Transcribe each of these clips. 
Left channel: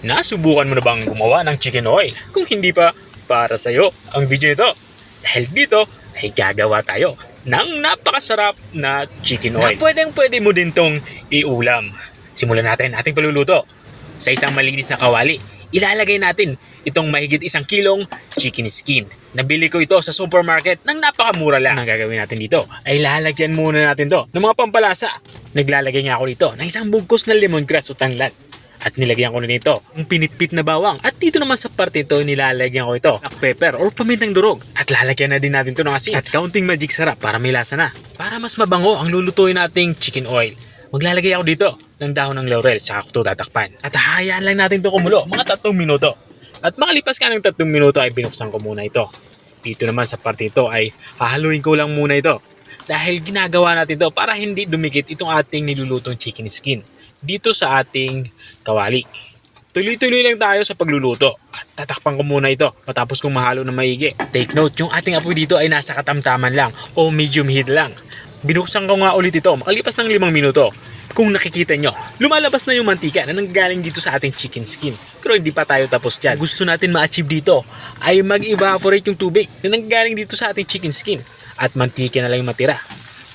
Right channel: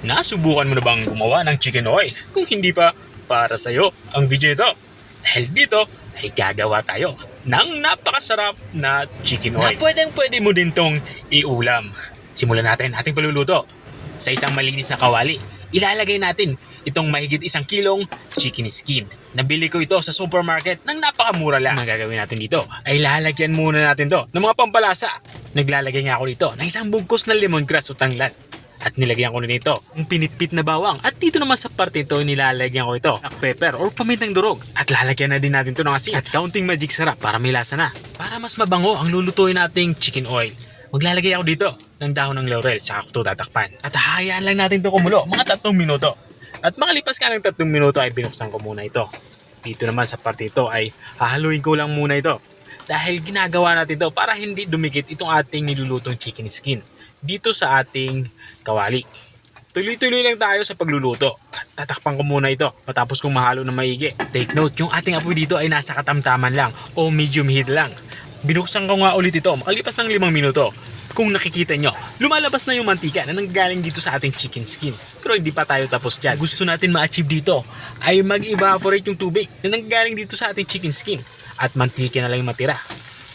Nasubukan mo na bang gumawa ng chicken oil? Kung hindi pa, para sa'yo ang video ito. Dahil dito ay gagawa tayo ng napakasarap na chicken oil. Na pwede mo din tong iulam. Simulan natin ating paluluto. Sa isang malinis na kawali, ilalagay natin itong mahigit 1 kilong chicken skin. Nabili ko ito sa supermarket ng napakamura lang. Ang gagawin natin dito ay lalagyan muna natin to ng mga pampalasa. Naglalagay nga ako dito ng isang bugkos na lemongrass o tanglad. At nilagyan ko na nito ang pinitpit na bawang. At dito naman sa parte ito, nilalagyan ko ito black pepper or pamintang durog. At lalagyan na din natin ito ng asin at kaunting magic sarap para may lasa na. Para mas mabango ang lulutuin nating chicken oil, maglalagay ako dito ng dahon ng laurel saka ko ito tatakpan. At hahayaan lang natin ito kumulo mga 3 minuto. At makalipas ka ng 3 minuto ay binuksan ko muna ito. Dito naman sa parte ito ay hahaluin ko lang muna ito. Dahil ginagawa natin ito para hindi dumikit itong ating nilulutong chicken skin dito sa ating kawali. Tuloy-tuloy lang tayo sa pagluluto at tatakpan ko muna ito matapos kong mahalo ng maigi. Take note, yung ating apoy dito ay nasa katamtaman lang o medium heat lang. Binuksan ko nga ulit ito makalipas ng 5 minuto. Kung nakikita nyo, lumalabas na yung mantika na nanggagaling dito sa ating chicken skin. Pero hindi pa tayo tapos dyan. Gusto natin ma-achieve dito ay mag-evaporate yung tubig na nanggagaling dito sa ating chicken skin at mantika na lang yung matira.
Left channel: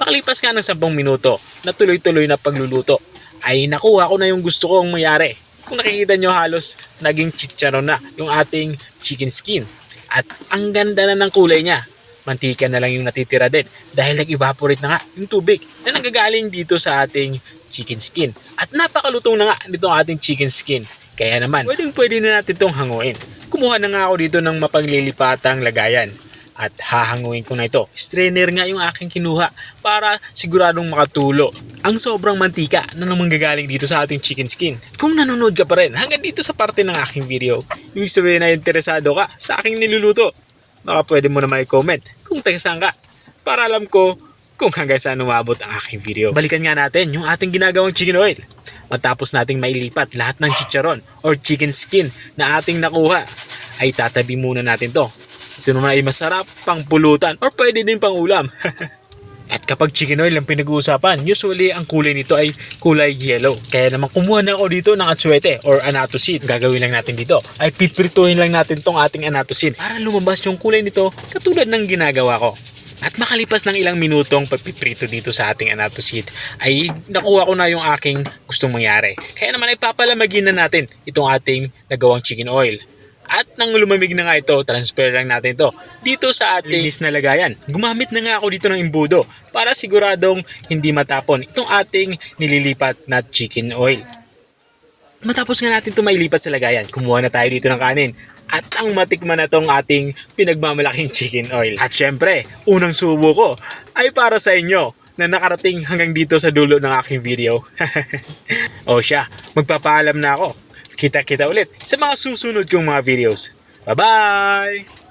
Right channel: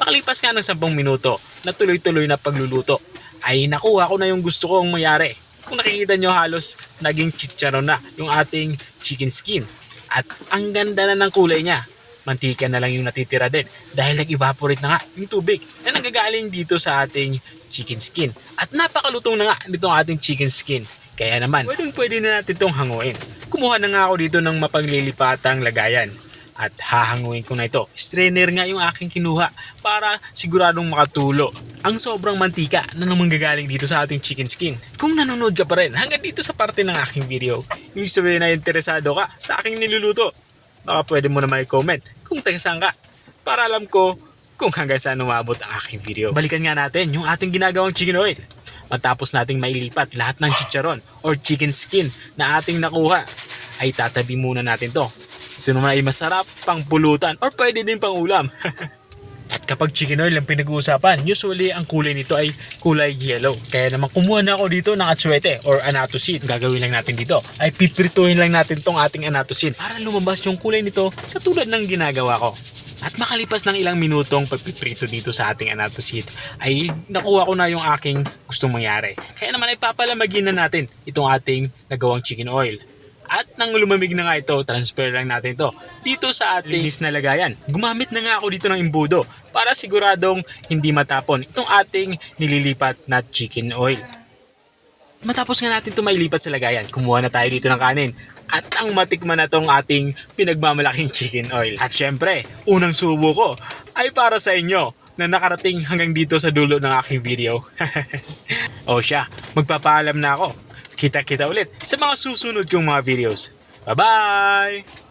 Makalipas nga ng 10 minuto na tuloy-tuloy na pagluluto ay nakuha ko na yung gusto kong mayari. Kung nakikita nyo, halos naging chicharon na yung ating chicken skin. At ang ganda na ng kulay niya. Mantika na lang yung natitira din dahil nag-evaporate na nga yung tubig na nanggagaling dito sa ating chicken skin. At napakalutong na nga nitong ating chicken skin. Kaya naman, pwede na natin itong hanguin. Kumuha na nga ako dito ng mapaglilipatang lagayan. At hahanguin ko na ito. Strainer nga yung aking kinuha para siguradong makatulo ang sobrang mantika na manggagaling dito sa ating chicken skin. Kung nanonood ka pa rin hanggang dito sa parte ng aking video, ibig sabihin na interesado ka sa aking niluluto, baka pwede mo naman i-comment kung taga saan ka para alam ko kung hanggang saan umabot ang aking video. Balikan nga natin yung ating ginagawang chicken oil. Matapos nating mailipat lahat ng chicharon or chicken skin na ating nakuha, ay tatabi muna natin to. Ito naman ay masarap pang pulutan or pwede din pang ulam. At kapag chicken oil ang pinag-uusapan, usually ang kulay nito ay kulay yellow. Kaya naman kumuha na ako dito ng atsuete or annatto seed. Gagawin lang natin dito ay piprituhin lang natin tong ating annatto seed para lumabas yung kulay nito katulad ng ginagawa ko. At makalipas ng ilang minutong pagpiprito dito sa ating annatto seed ay nakuha ko na yung aking gustong mangyari. Kaya naman ay papalamagin na natin itong ating nagawang chicken oil. At nang lumamig na nga ito, transfer lang natin ito dito sa ating linis na lagayan. Gumamit na nga ako dito ng imbudo para siguradong hindi matapon itong ating nililipat na chicken oil. Matapos nga natin ito mailipat sa lagayan, kumuha na tayo dito ng kanin. At ang matikman na tong ating pinagmamalaking chicken oil. At syempre, unang subo ko ay para sa inyo na nakarating hanggang dito sa dulo ng aking video. O siya, magpapaalam na ako. Kita-kita ulit sa mga susunod kong mga videos. Bye-bye!